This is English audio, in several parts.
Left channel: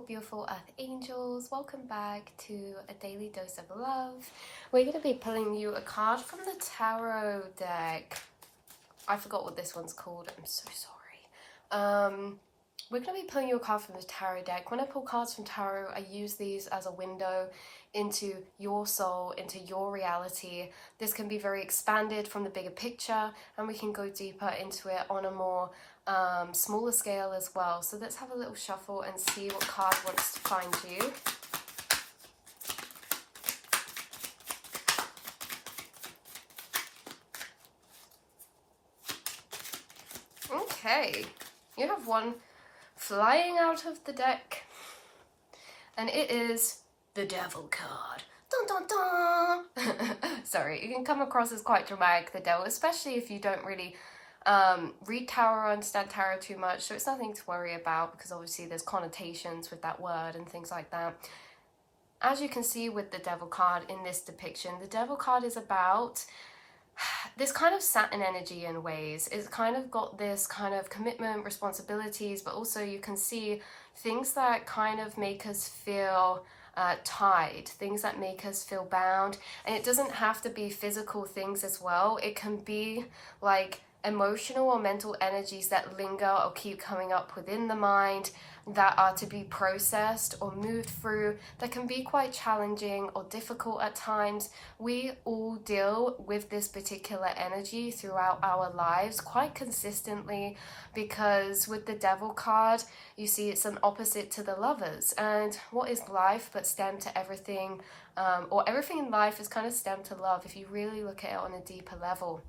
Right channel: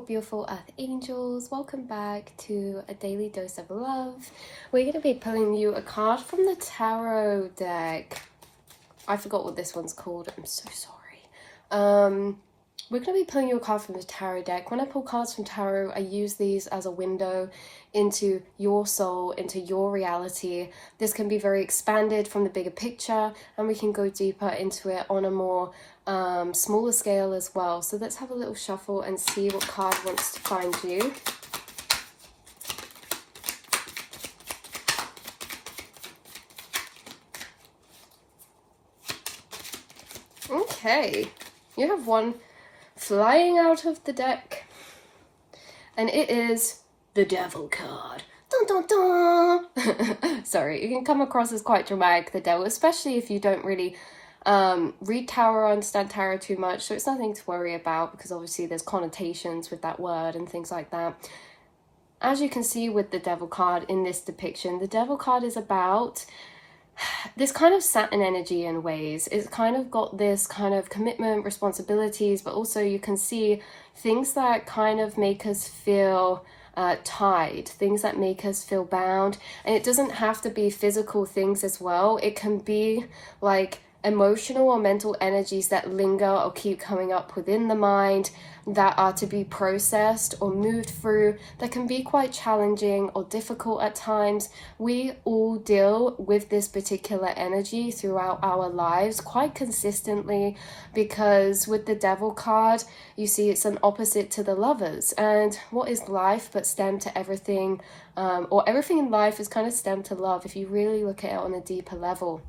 beautiful earth angels, welcome back to a daily dose of love. We're going to be pulling you a card from the tarot deck. I forgot what this one's called, I'm so sorry. We're going to be pulling you a card from the tarot deck. When I pull cards from tarot, I use these as a window into your soul, into your reality. This can be very expanded from the bigger picture, and we can go deeper into it on a more smaller scale as well. So let's have a little shuffle and see what card wants to find you. Okay, you have one flying out of the deck, and it is the Devil card. Dun, dun, dun. Sorry, it can come across as quite dramatic, the Devil, especially if you don't really read tarot or understand tarot too much, so it's nothing to worry about because obviously there's connotations with that word and things like that. As you can see with the Devil card in this depiction, the Devil card is about this kind of Saturn energy in ways. It's kind of got this kind of commitment, responsibilities, but also you can see things that kind of make us feel tied, things that make us feel bound. And it doesn't have to be physical things as well. It can be like emotional or mental energies that linger or keep coming up within the mind that are to be processed or moved through, that can be quite challenging or difficult at times. We all deal with this particular energy throughout our lives quite consistently, because with the Devil card, you see it's an opposite to the Lovers. And what is life but stem to everything, or everything in life is kind of stemmed to love if you really look at it on a deeper level.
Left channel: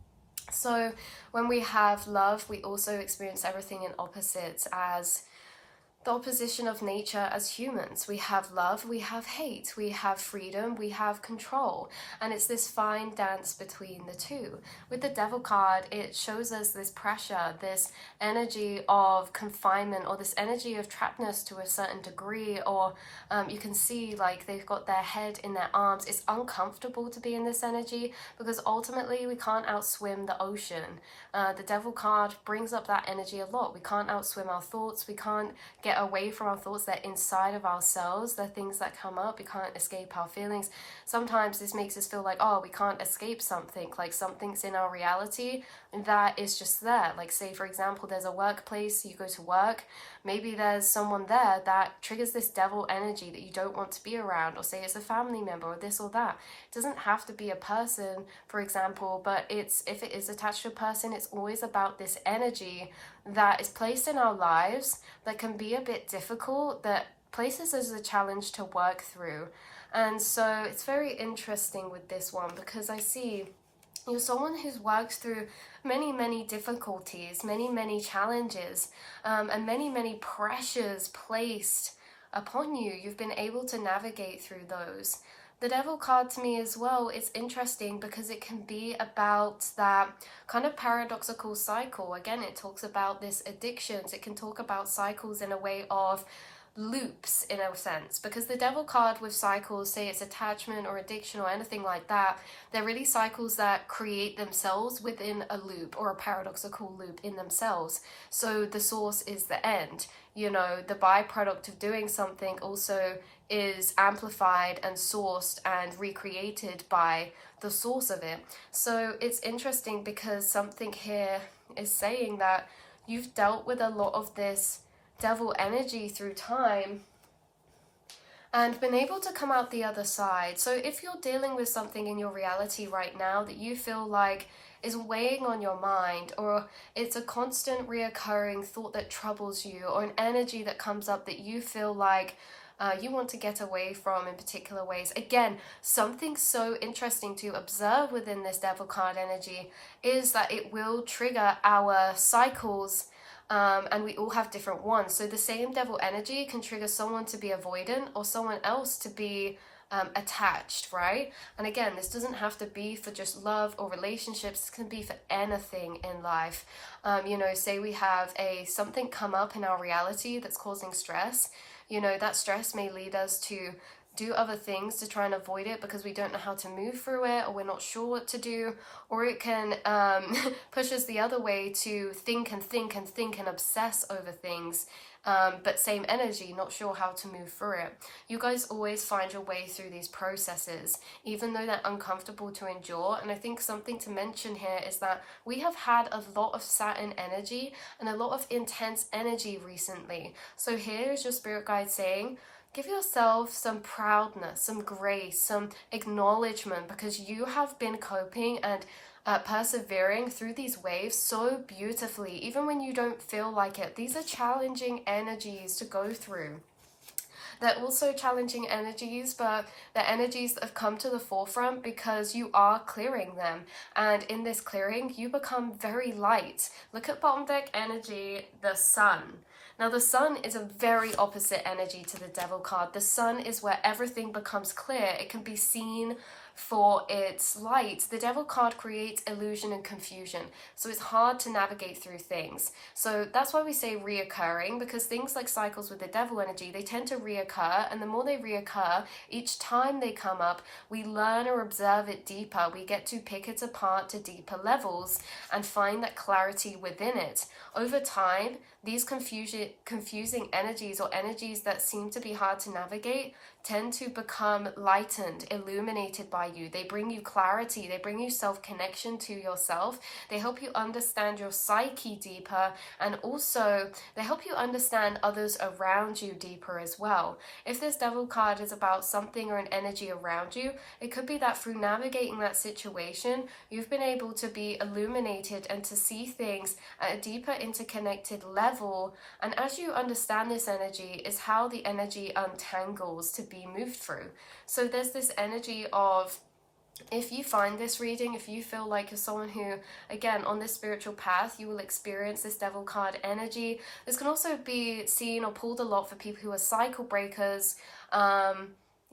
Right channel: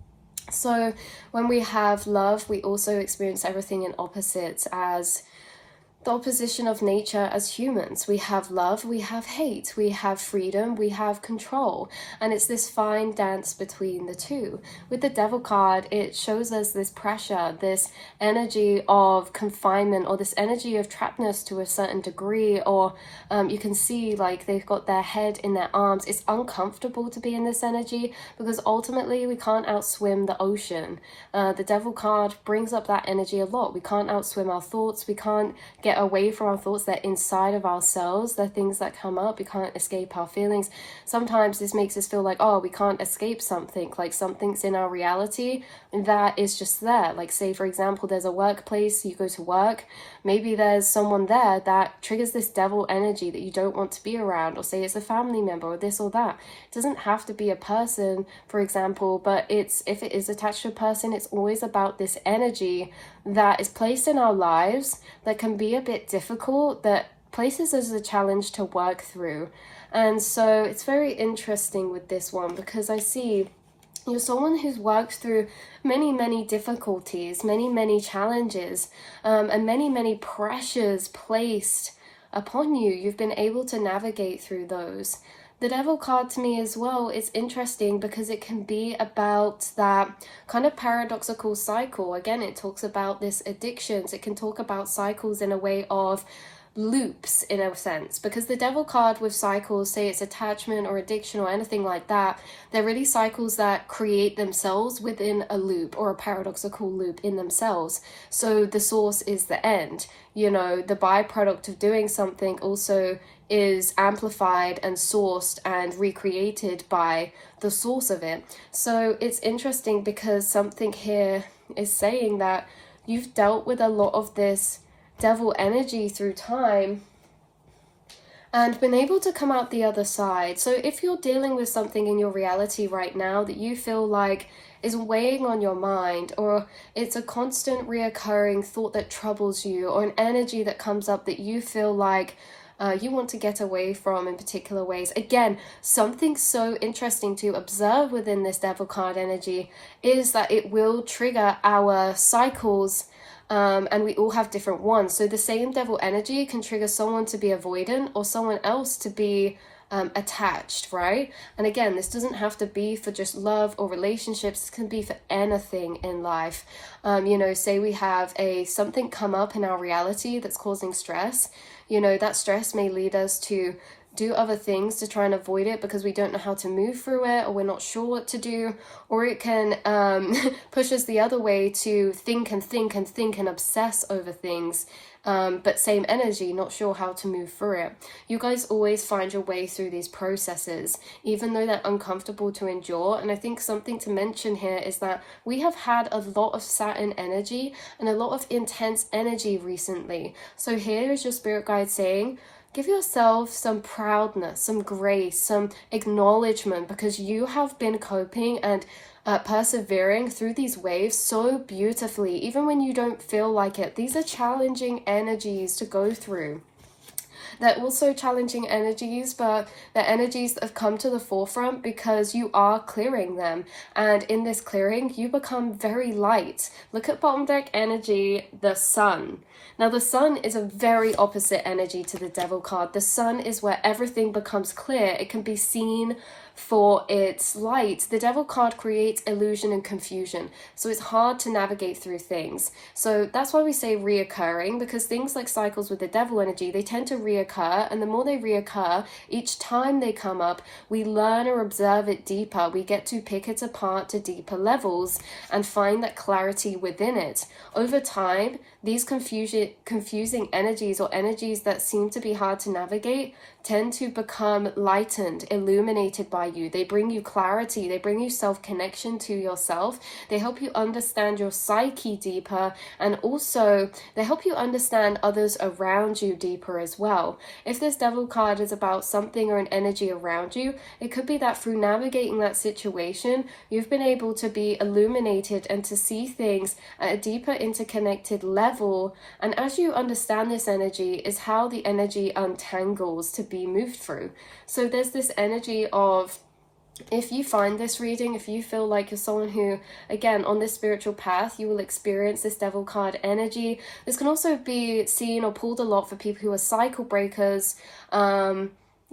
So when we have love, we also experience everything in opposites, as the opposition of nature as humans. We have love, we have hate, we have freedom, we have control, and it's this fine dance between the two. With the Devil card, it shows us this pressure, this energy of confinement, or this energy of trappedness to a certain degree, or you can see like they've got their head in their arms. It's uncomfortable to be in this energy because ultimately we can't outswim the ocean. The Devil card brings up that energy a lot. We can't outswim our thoughts, we can't get away from our thoughts. They're inside of ourselves. They're things that come up. We can't escape our feelings. Sometimes this makes us feel like, oh, we can't escape something, like something's in our reality that is just there. Like, say for example, there's a workplace, you go to work, maybe there's someone there that triggers this Devil energy that you don't want to be around, or say it's a family member or this or that. It doesn't have to be a person, for example, but if it is attached to a person, it's always about this energy that is placed in our lives that can be a bit difficult, that places us a challenge to work through. And so it's very interesting with this one, because I see you're someone who's worked through many difficulties, many challenges, and many pressures placed upon you. You've been able to navigate through those. The Devil card to me as well is interesting because it can be about that kind of paradoxical cycle. Again, it talks about this addictions. It can talk about cycles in a way of loops, in a sense, because the Devil card with cycles, say it's attachment or addiction or anything like that, they're really cycles that create themselves within a loop, or a paradoxical loop in themselves. So the source is the end. You know, the byproduct of doing something also is amplified and sourced and recreated by the source of it. So it's interesting because something here is saying that you've dealt with a lot of this Devil energy through time and been able to come out the other side. So if you're dealing with something in your reality right now that you feel like is weighing on your mind, or it's a constant reoccurring thought that troubles you, or an energy that comes up that you feel like you want to get away from in particular ways. Again, something so interesting to observe within this Devil card energy is that it will trigger our cycles, and we all have different ones. So the same Devil energy can trigger someone to be avoidant or someone else to be attached, right? And again, this doesn't have to be for just love or relationships. It can be for anything in life. You know, say we have something come up in our reality that's causing stress. You know, that stress may lead us to do other things to try and avoid it because we don't know how to move through it, or we're not sure what to do, or it can push us the other way to think and obsess over things but same energy, not sure how to move through it. You guys always find your way through these processes, even though they're uncomfortable to endure. And I think something to mention here is that we have had a lot of Saturn energy and a lot of intense energy recently. So here is your spirit guide saying, give yourself some proudness, some grace, some acknowledgement, because you have been coping and persevering through these waves so beautifully, even when you don't feel like it. These are challenging energies to go through. They're also challenging energies, but they're energies that have come to the forefront because you are clearing them. And in this clearing, you become very light. Look at bottom deck energy, the sun. Now, the sun is a very opposite energy to the devil card. The sun is where everything becomes clear. It can be seen for its light. The devil card creates illusion and confusion, so it's hard to navigate through things. So that's why we say reoccurring, because things like cycles with the devil energy, they tend to reoccur, and the more they reoccur, each time they come up, we learn or observe it deeper. We get to pick it apart to deeper levels and find that clarity within it. Over time, these confusing energies, or energies that seem to be hard to navigate, tend to become lightened, illuminated by you. They bring you clarity. They bring you self-connection to yourself. They help you understand your psyche deeper, and also they help you understand others around you deeper as well. If this devil card is about something or an energy around you, it could be that through navigating that situation, you've been able to be illuminated and to see things at a deeper interconnected level. And as you understand this energy, is how the energy untangles to be moved through. So there's this energy of, if you find this reading, if you feel like you're someone who, again, on this spiritual path, you will experience this devil card energy. This can also be seen or pulled a lot for people who are cycle breakers,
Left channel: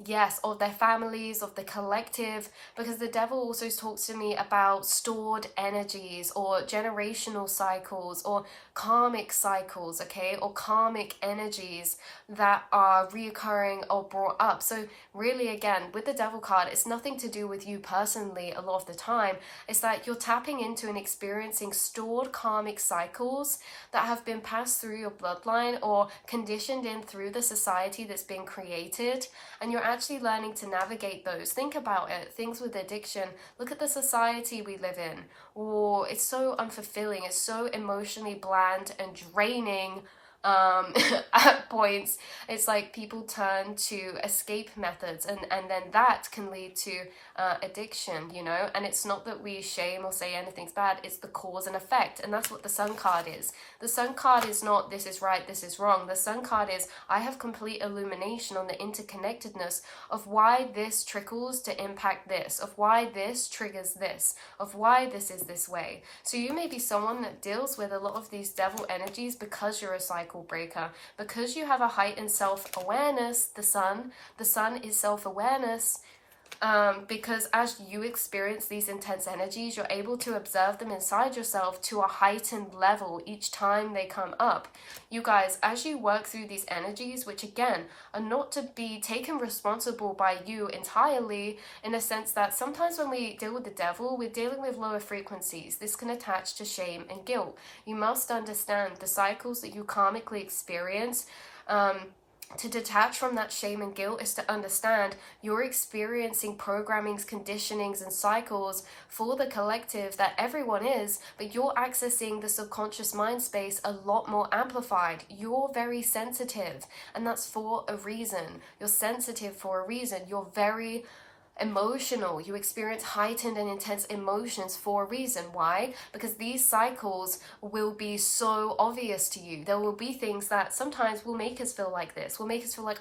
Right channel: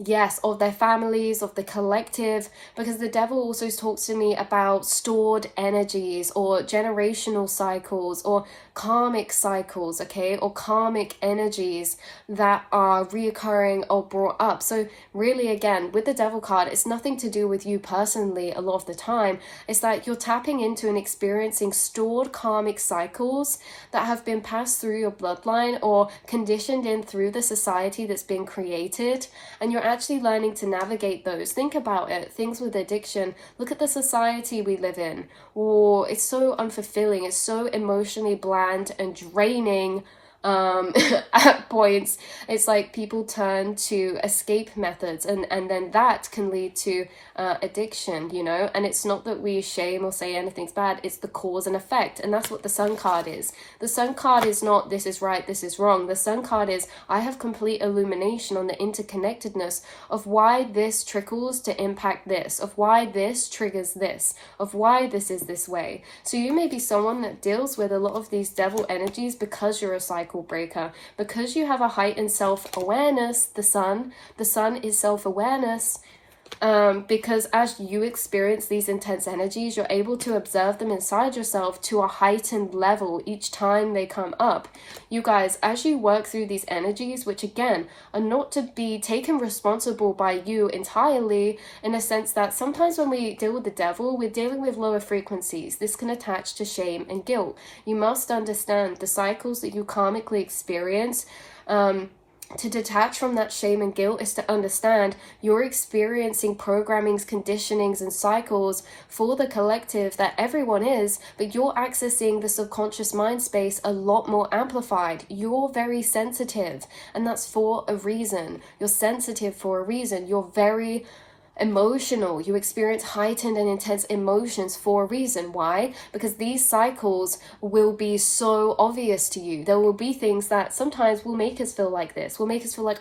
yes, of their families, of the collective, because the devil also talks to me about stored energies or generational cycles or karmic cycles, okay, or karmic energies that are reoccurring or brought up. So really, again, with the devil card, it's nothing to do with you personally a lot of the time. It's that you're tapping into and experiencing stored karmic cycles that have been passed through your bloodline or conditioned in through the society that's been created, and you're actually learning to navigate those. Think about it. Things with addiction. Look at the society we live in. Or it's so unfulfilling. It's so emotionally bland and draining. At points, it's like people turn to escape methods, and then that can lead to addiction, you know. And it's not that we shame or say anything's bad, it's the cause and effect. And that's what the sun card is. The sun card is not this is right, this is wrong. The sun card is, I have complete illumination on the interconnectedness of why this trickles to impact this, of why this triggers this, of why this is this way. So you may be someone that deals with a lot of these devil energies because you're a cycle breaker, because you have a heightened self-awareness. The sun is self-awareness, because as you experience these intense energies, you're able to observe them inside yourself to a heightened level each time they come up. You guys, as you work through these energies, which again are not to be taken responsible by you entirely, in a sense that sometimes when we deal with the devil, we're dealing with lower frequencies. This can attach to shame and guilt. You must understand the cycles that you karmically experience. To detach from that shame and guilt is to understand you're experiencing programmings, conditionings, and cycles for the collective that everyone is, but you're accessing the subconscious mind space a lot more amplified. You're very sensitive, and that's for a reason. You're sensitive for a reason. You're very emotional. You experience heightened and intense emotions for a reason. Why? Because these cycles will be so obvious to you. There will be things that sometimes will make us feel like this, will make us feel like,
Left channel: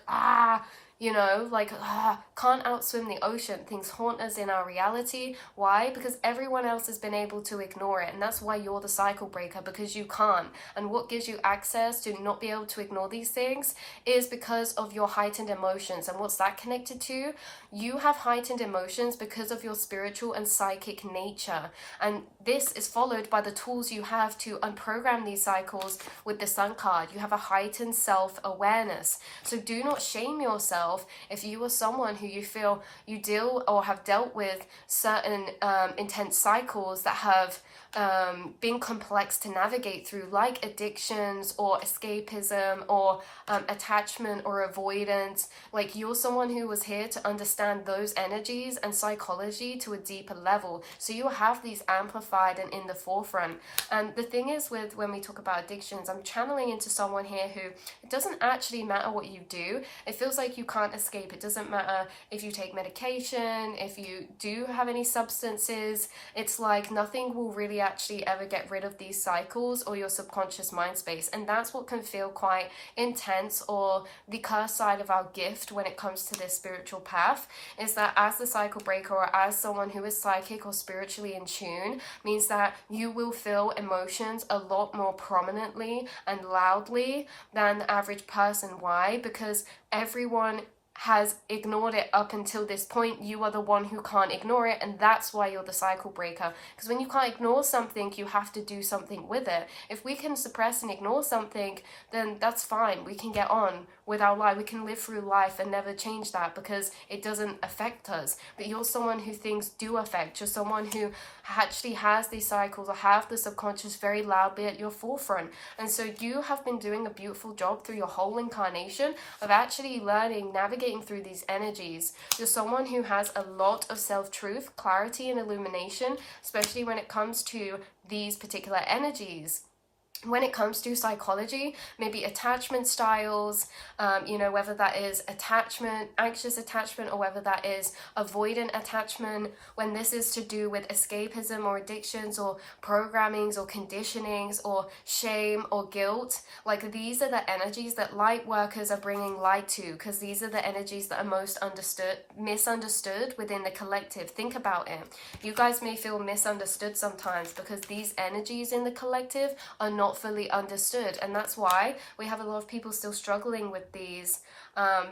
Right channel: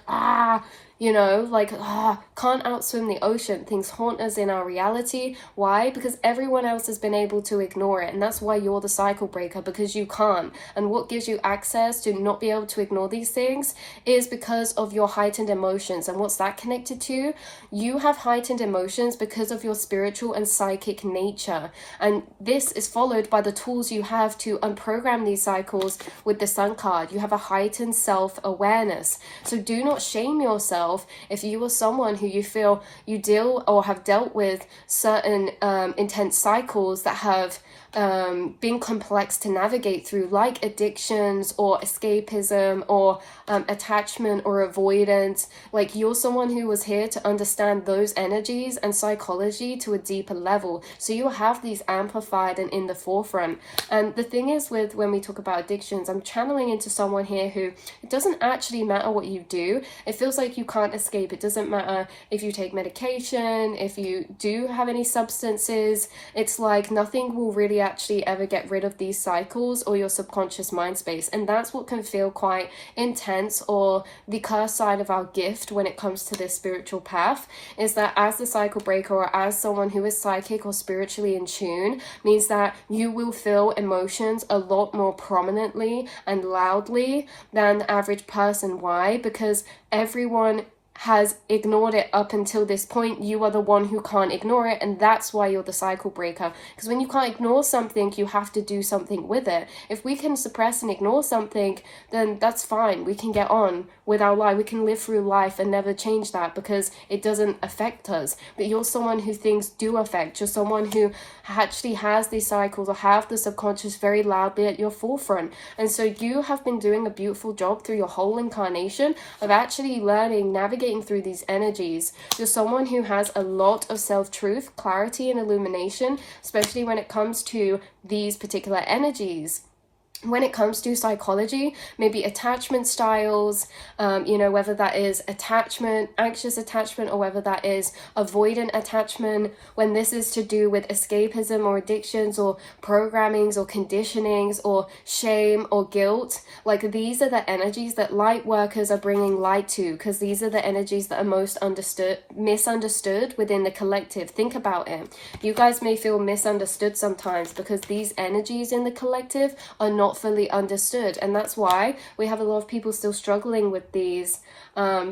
you know, like, can't outswim the ocean. Things haunt us in our reality. Why? Because everyone else has been able to ignore it. And that's why you're the cycle breaker, because you can't. And what gives you access to not be able to ignore these things is because of your heightened emotions. And what's that connected to? You have heightened emotions because of your spiritual and psychic nature. And this is followed by the tools you have to unprogram these cycles with the sun card. You have a heightened self-awareness. So do not shame yourself if you are someone who you feel you deal or have dealt with certain intense cycles that have being complex to navigate through, like addictions or escapism or attachment or avoidance. Like, you're someone who was here to understand those energies and psychology to a deeper level, so you have these amplified and in the forefront. And the thing is, with when we talk about addictions, I'm channeling into someone here who, it doesn't actually matter what you do. It feels like you can't escape. It doesn't matter if you take medication, if you do have any substances. It's like nothing will really actually ever get rid of these cycles or your subconscious mind space. And that's what can feel quite intense, or the curse side of our gift when it comes to this spiritual path, is that as the cycle breaker, or as someone who is psychic or spiritually in tune, means that you will feel emotions a lot more prominently and loudly than the average person. Why? Because everyone has ignored it up until this point. You are the one who can't ignore it, and that's why you're the cycle breaker. Because when you can't ignore something, you have to do something with it. If we can suppress and ignore something, then that's fine. We can get on with our life. We can live through life and never change that because it doesn't affect us. But you're someone who things do affect. You're someone who actually has these cycles or have the subconscious very loudly at your forefront. And so you have been doing a beautiful job through your whole incarnation of actually learning, navigating through these energies. You're someone who has a lot of self-truth, clarity, and illumination, especially when it comes to these particular energies. When it comes to psychology, maybe attachment styles, whether that is attachment, anxious attachment, or whether that is avoidant attachment, when this is to do with escapism or addictions or programmings or conditionings or shame or guilt, like these are the energies that light workers are bringing light to, because these are the energies that are most misunderstood within the collective. Think about it. You guys may feel misunderstood sometimes because these energies in the collective are not fully understood, and that's why we have a lot of people still struggling with these,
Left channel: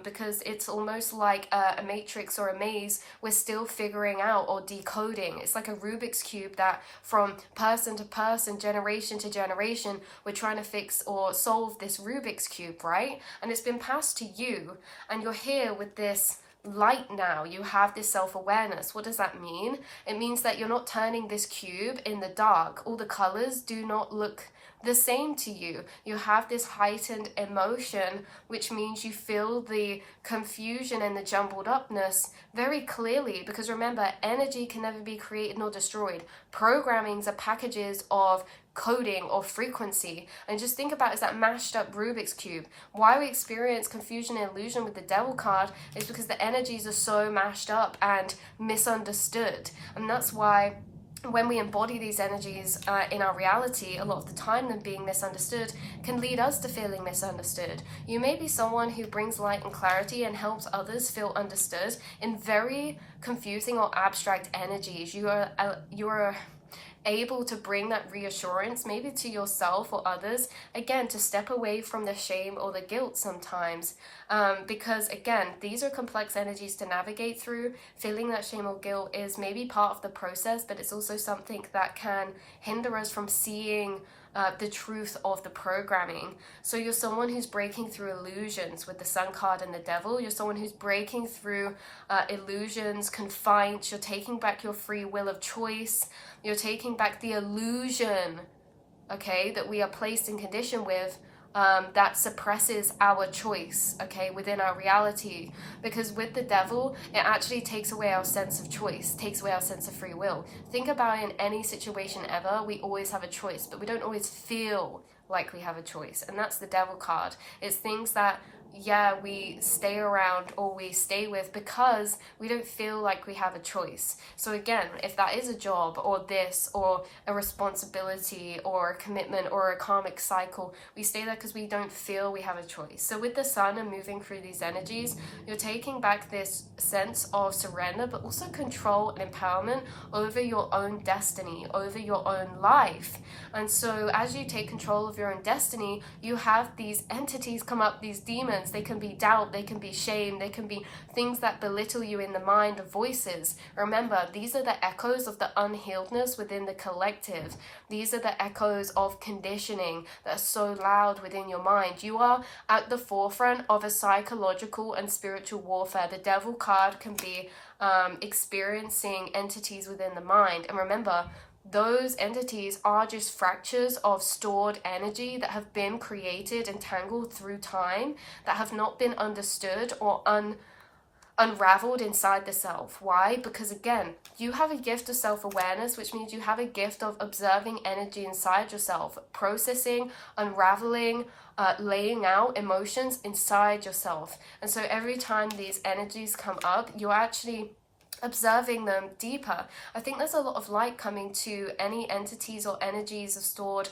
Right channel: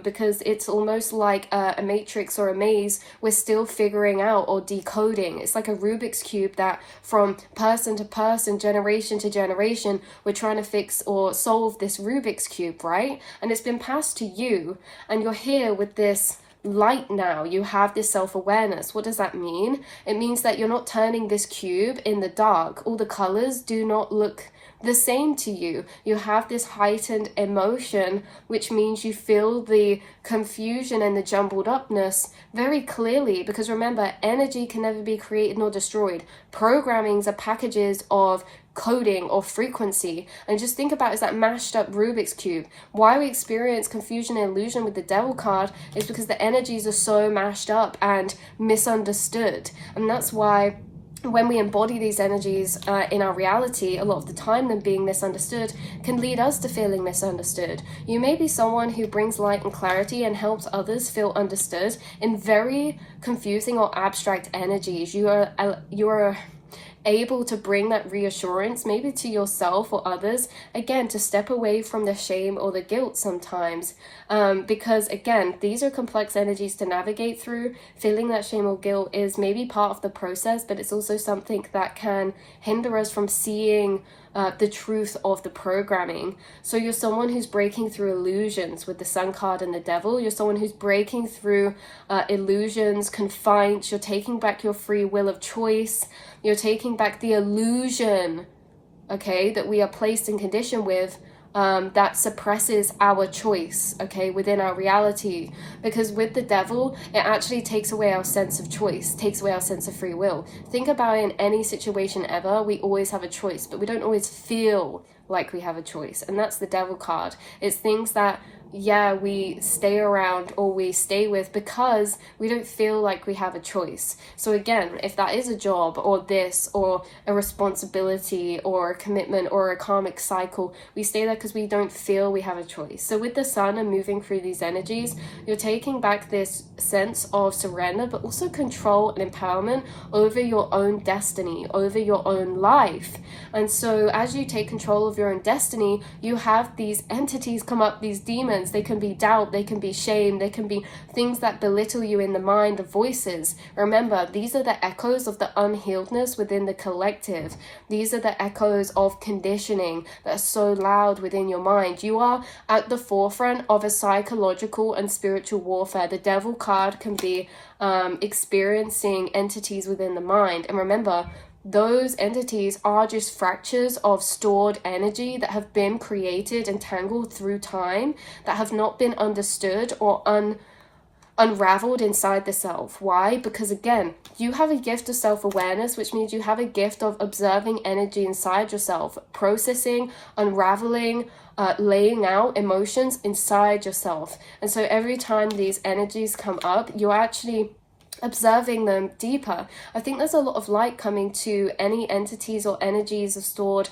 because it's almost like a matrix or a maze we're still figuring out or decoding. It's like a Rubik's cube that from person to person, generation to generation, we're trying to fix or solve this Rubik's cube, right? And it's been passed to you, and you're here with this light now. You have this self-awareness. What does that mean? It means that you're not turning this cube in the dark. All the colors do not look the same to you. You have this heightened emotion, which means you feel the confusion and the jumbled upness very clearly, because remember, energy can never be created nor destroyed. Programmings are packages of coding or frequency. And just think about, is that mashed up Rubik's cube. Why we experience confusion and illusion with the devil card is because the energies are so mashed up and misunderstood. And that's why when we embody these energies in our reality, a lot of the time them being misunderstood can lead us to feeling misunderstood. You may be someone who brings light and clarity and helps others feel understood in very confusing or abstract energies. You are able to bring that reassurance maybe to yourself or others, again, to step away from the shame or the guilt sometimes, because again, these are complex energies to navigate through. Feeling that shame or guilt is maybe part of the process, but it's also something that can hinder us from seeing the truth of the programming. So you're someone who's breaking through illusions with the Sun card and the Devil. You're someone who's breaking through illusions, confined. You're taking back your free will of choice. You're taking back the illusion, okay, that we are placed in condition with, that suppresses our choice, okay, within our reality. Because with the devil, it actually takes away our sense of choice, takes away our sense of free will. Think about it, in any situation ever, we always have a choice, but we don't always feel like we have a choice. And that's the devil card. It's things that, yeah, we stay around or we stay with because we don't feel like we have a choice. So again, if that is a job or this or a responsibility or a commitment or a karmic cycle, we stay there because we don't feel we have a choice. So with the Sun and moving through these energies, you're taking back this sense of surrender, but also control and empowerment over your own destiny, over your own life. And so as you take control of your own destiny, you have these entities come up, these demons. They can be doubt, they can be shame, they can be things that belittle you in the mind, the voices. Remember, these are the echoes of the unhealedness within the collective. These are the echoes of conditioning that are so loud within your mind. You are at the forefront of a psychological and spiritual warfare. The devil card can be experiencing entities within the mind. And remember, those entities are just fractures of stored energy that have been created and tangled through time, that have not been understood or unraveled inside the self. Why? Because again, you have a gift of self-awareness, which means you have a gift of observing energy inside yourself, processing, unraveling, laying out emotions inside yourself. And so every time these energies come up, you're actually observing them deeper. I think there's a lot of light coming to any entities or energies of stored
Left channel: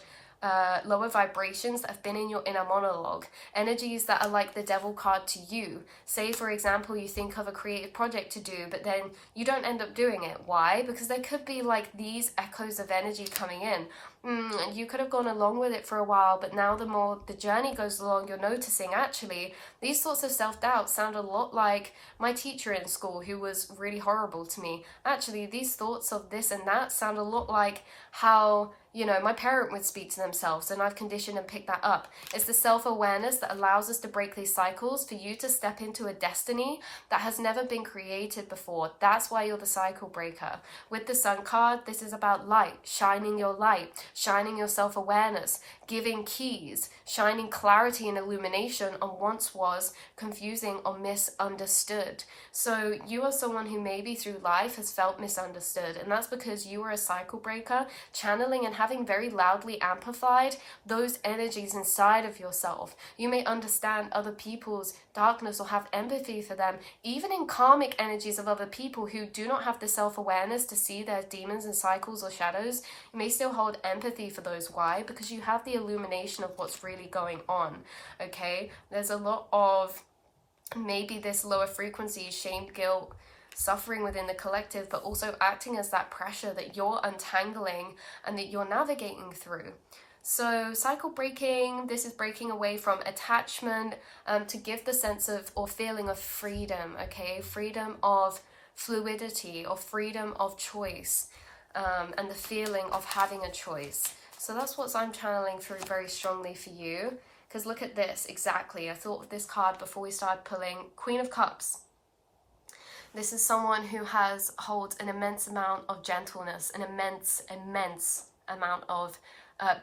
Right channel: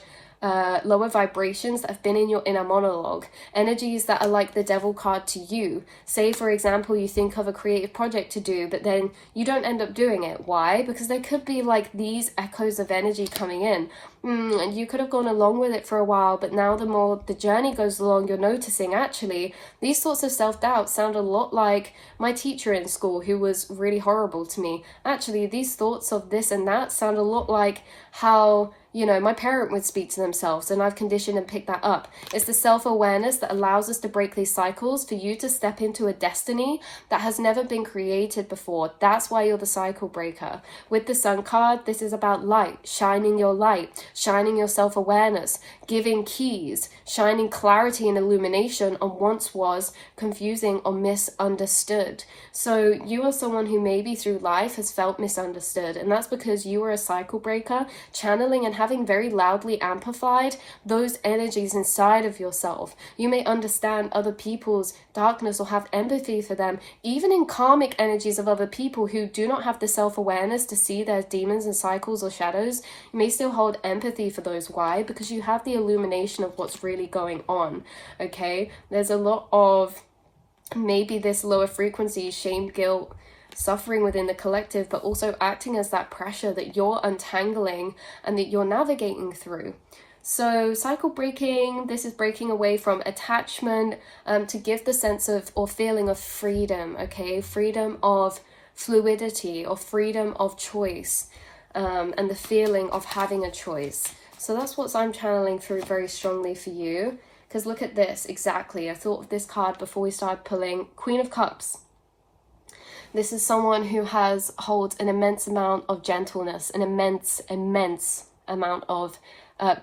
lower vibrations that have been in your inner monologue, energies that are like the devil card to you. Say, for example, you think of a creative project to do, but then you don't end up doing it. Why? Because there could be like these echoes of energy coming in. You could have gone along with it for a while, but now the more the journey goes along, you're noticing actually these sorts of self-doubt sound a lot like my teacher in school who was really horrible to me. Actually, these thoughts of this and that sound a lot like how, you know, my parent would speak to themselves, and I've conditioned and picked that up. It's the self-awareness that allows us to break these cycles, for you to step into a destiny that has never been created before. That's why you're the cycle breaker. With the Sun card, this is about light, shining your light, shining your self-awareness, giving keys, shining clarity and illumination on once was confusing or misunderstood. So you are someone who maybe through life has felt misunderstood, and that's because you are a cycle breaker, channeling and having very loudly amplified those energies inside of yourself. You may understand other people's darkness or have empathy for them, even in karmic energies of other people who do not have the self-awareness to see their demons and cycles or shadows. You may still hold empathy for those. Why? Because you have the illumination of what's really going on. Okay, there's a lot of maybe this lower frequency, shame, guilt, suffering within the collective, but also acting as that pressure that you're untangling and that you're navigating through. So cycle breaking, this is breaking away from attachment to give the sense of or feeling of freedom, okay? Freedom of fluidity or freedom of choice, and the feeling of having a choice. So that's what I'm channeling through very strongly for you. Because look at this, exactly. I thought of this card before we started pulling. Queen of Cups. This is someone who holds an immense amount of gentleness, an immense amount of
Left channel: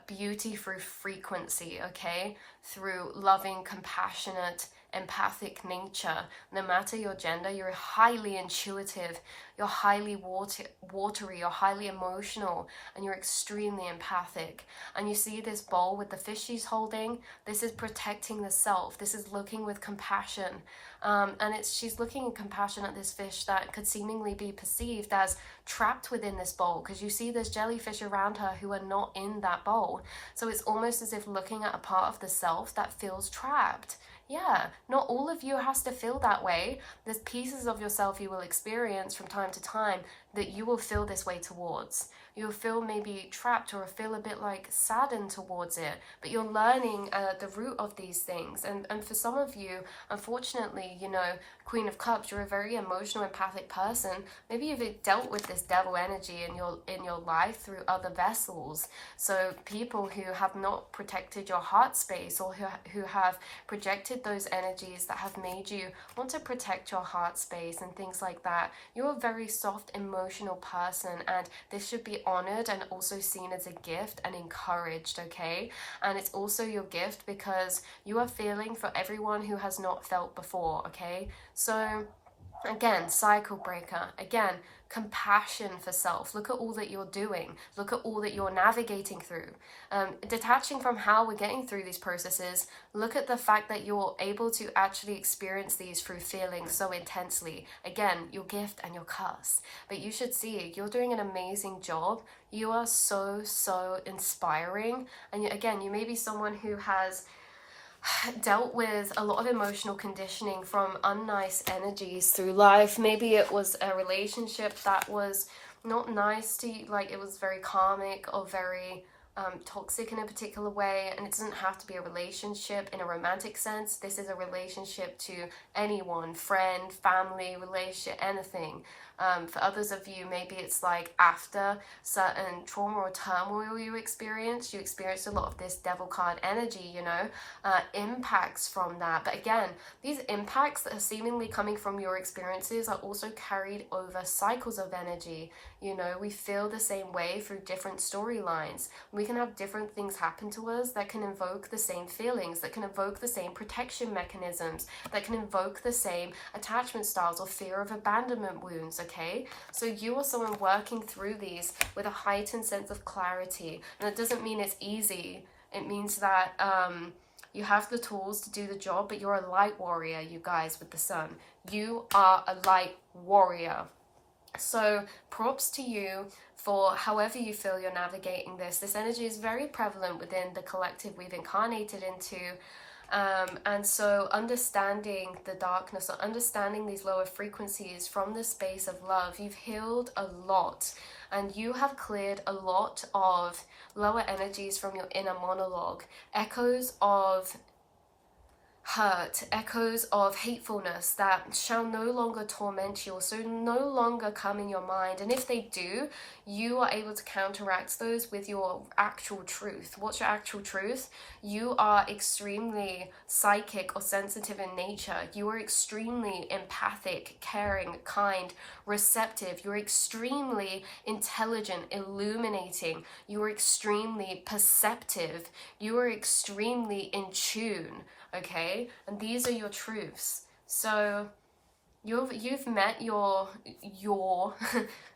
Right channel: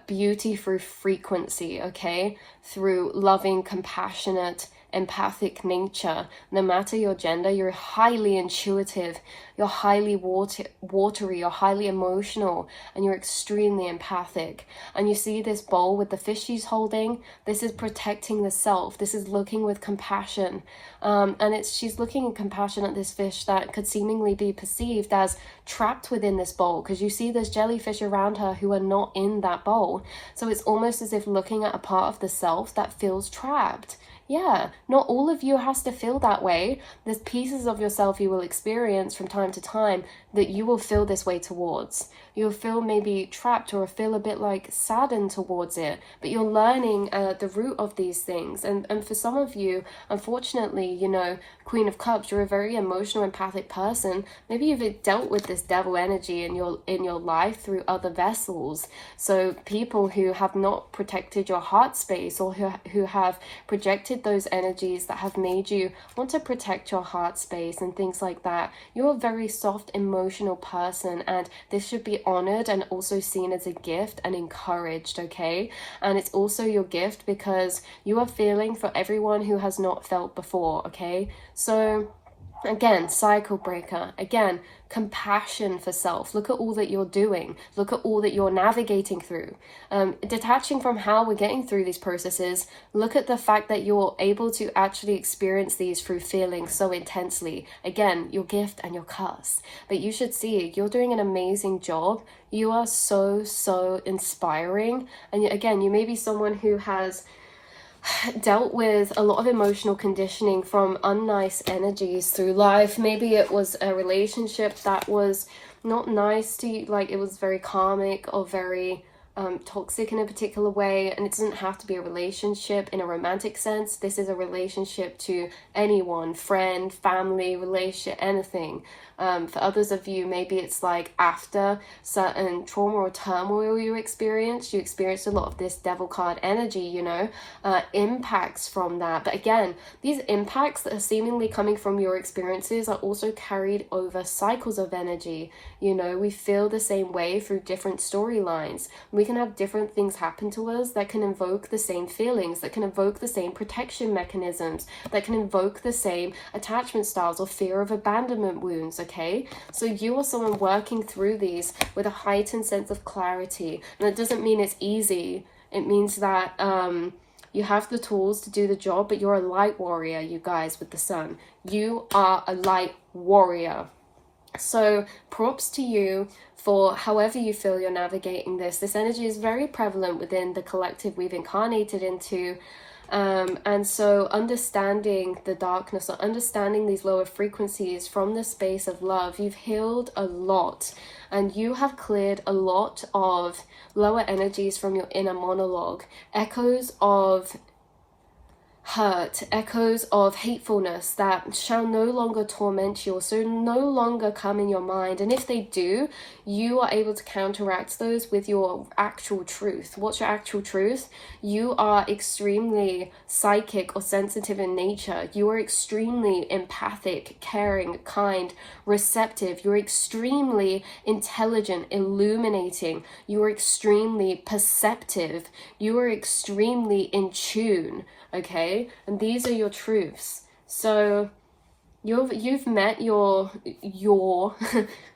beauty through frequency, okay? Through loving, compassionate, empathic nature. No matter your gender, you're highly intuitive, you're highly watery, you're highly emotional, and you're extremely empathic. And you see this bowl with the fish she's holding, this is protecting the self, this is looking with compassion, and she's looking in compassion at this fish that could seemingly be perceived as trapped within this bowl, because you see there's jellyfish around her who are not in that bowl. So it's almost as if looking at a part of the self that feels trapped. Yeah, not all of you has to feel that way. There's pieces of yourself you will experience from time to time that you will feel this way towards. You'll feel maybe trapped or feel a bit like saddened towards it, but you're learning the root of these things. And for some of you, unfortunately, you know, Queen of Cups, you're a very emotional, empathic person. Maybe you've dealt with this devil energy in your life through other vessels. So people who have not protected your heart space, or who have projected those energies that have made you want to protect your heart space and things like that. You're a very soft, emotional person, and this should be honored and also seen as a gift and encouraged, okay? And it's also your gift because you are feeling for everyone who has not felt before, okay? So again, cycle breaker, again, compassion for self. Look at all that you're doing. Look at all that you're navigating through. Detaching from how we're getting through these processes, look at the fact that you're able to actually experience these through feeling so intensely. Again, your gift and your curse. But you should see, you're doing an amazing job. You are so inspiring. And again, you may be someone who has dealt with a lot of emotional conditioning from unnice energies through life. Maybe it was a relationship that was not nice to you, like it was very karmic or very toxic in a particular way, and it doesn't have to be a relationship in a romantic sense. This is a relationship to anyone, friend, family, relationship, anything. For others of you, maybe it's like after certain trauma or turmoil you experienced a lot of this devil card energy, you know, impacts from that. But again, these impacts that are seemingly coming from your experiences are also carried over cycles of energy. You know, we feel the same way through different storylines. We can have different things happen to us that can invoke the same feelings, that can evoke the same protection mechanisms, that can invoke the same attachment styles or fear of abandonment wounds, okay? So you are someone working through these with a heightened sense of clarity. And that doesn't mean it's easy. It means that you have the tools to do the job, but you're a light warrior, you guys, with the sun. You are a light warrior. So props to you for however you feel you're navigating this. This energy is very prevalent within the collective we've incarnated into. And so understanding the darkness or understanding these lower frequencies from the space of love, you've healed a lot, and you have cleared a lot of lower energies from your inner monologue, echoes of hurt, echoes of hatefulness that shall no longer torment you, so no longer come in your mind. And if they do, you are able to counteract those with your actual truth. What's your actual truth? You are extremely psychic or sensitive in nature. You are extremely empathic, caring, kind, receptive. You're extremely intelligent, illuminating. You are extremely perceptive. You are extremely in tune. Okay, and these are your truths. So you've met your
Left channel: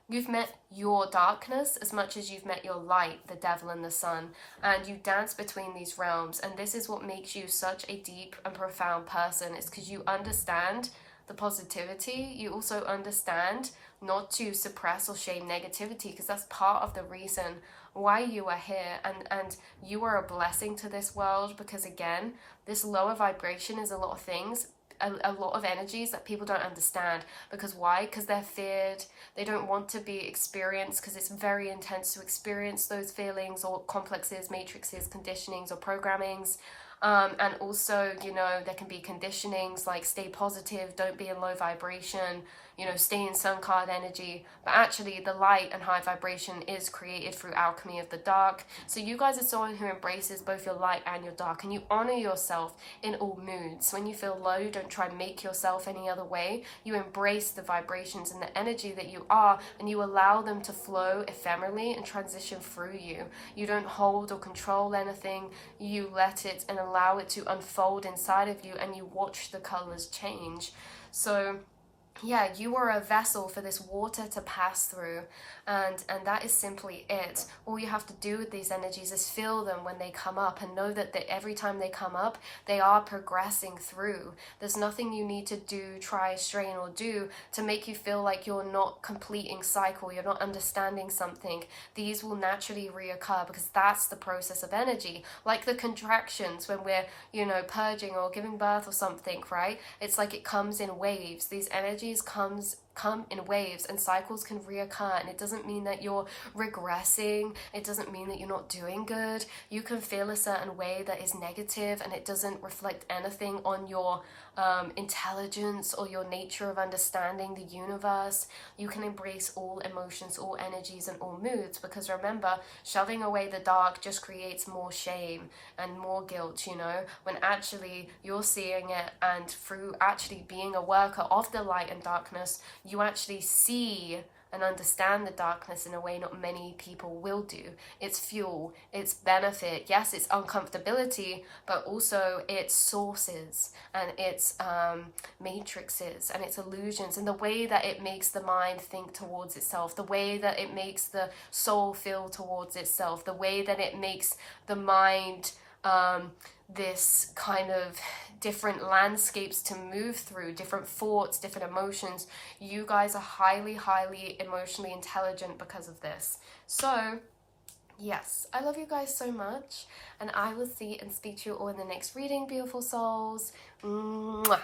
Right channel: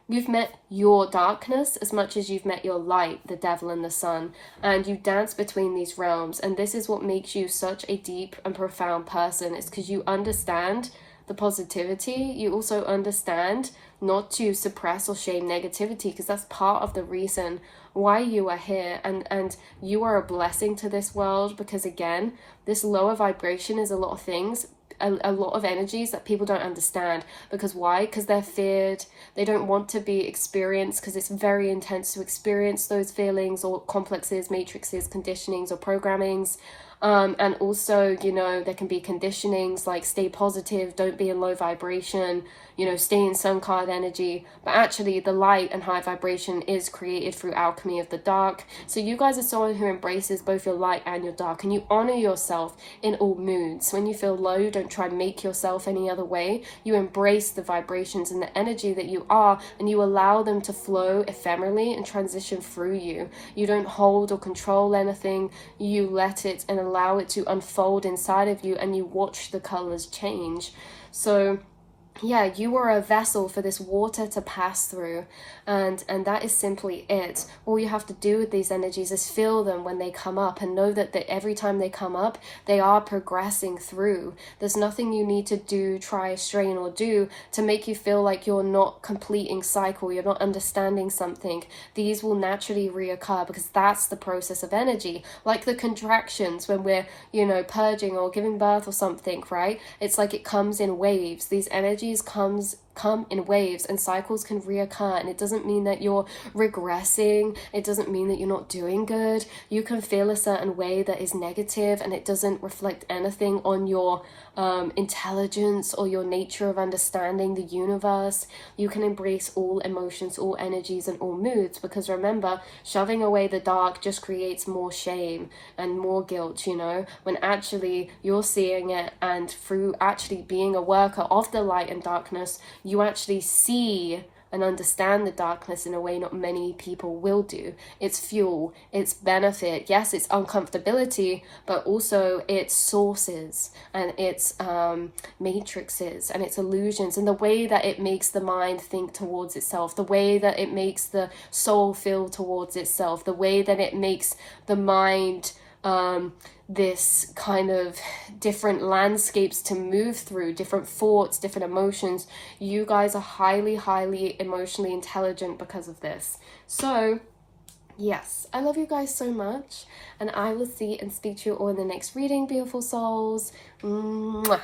you've met your darkness as much as you've met your light, the devil and the sun, and you dance between these realms. And this is what makes you such a deep and profound person. It's because you understand the positivity. You also understand not to suppress or shame negativity, because that's part of the reason why you are here, and you are a blessing to this world, because again, this lower vibration is a lot of things, a lot of energies that people don't understand. Because why? Because they're feared, they don't want to be experienced, because it's very intense to experience those feelings or complexes, matrices, conditionings or programmings. And also, you know, there can be conditionings like stay positive, don't be in low vibration, you know, stay in sun card energy. But actually the light and high vibration is created through alchemy of the dark. So you guys are someone who embraces both your light and your dark, and you honor yourself in all moods. When you feel low, you don't try and make yourself any other way. You embrace the vibrations and the energy that you are, and you allow them to flow ephemerally and transition through you. You don't hold or control anything. You let it and allow it to unfold inside of you, and you watch the colors change. So yeah, you are a vessel for this water to pass through, and that is simply it. All you have to do with these energies is feel them when they come up, and know that every time they come up, they are progressing through. There's nothing you need to do, try, strain, or do to make you feel like you're not completing cycle, you're not understanding something. These will naturally reoccur, because that's the process of energy. Like the contractions when we're, you know, purging or giving birth or something, right? It's like it comes in waves. These energies come in waves, and cycles can reoccur, and it doesn't mean that you're regressing. It doesn't mean that you're not doing good. You can feel a certain way that is negative, and it doesn't reflect anything on your intelligence or your nature of understanding the universe. You can embrace all emotions, all energies, and all moods, because remember, shoving away the dark just creates more shame and more guilt, you know, when actually you're seeing it, and through actually being a worker of the light and darkness, you actually see and understand the darkness in a way not many people will do. It's fuel, it's benefit. Yes, it's uncomfortability, but also it's sources, and it's matrices, and it's illusions, and the way that it makes the mind think towards itself, the way that it makes the soul feel towards itself, the way that it makes the mind this kind of different landscapes to move through, different thoughts, different emotions. You guys are highly, highly emotionally intelligent because of this. So yes, I love you guys so much, and I will see and speak to you all in the next reading, beautiful souls. Mwah.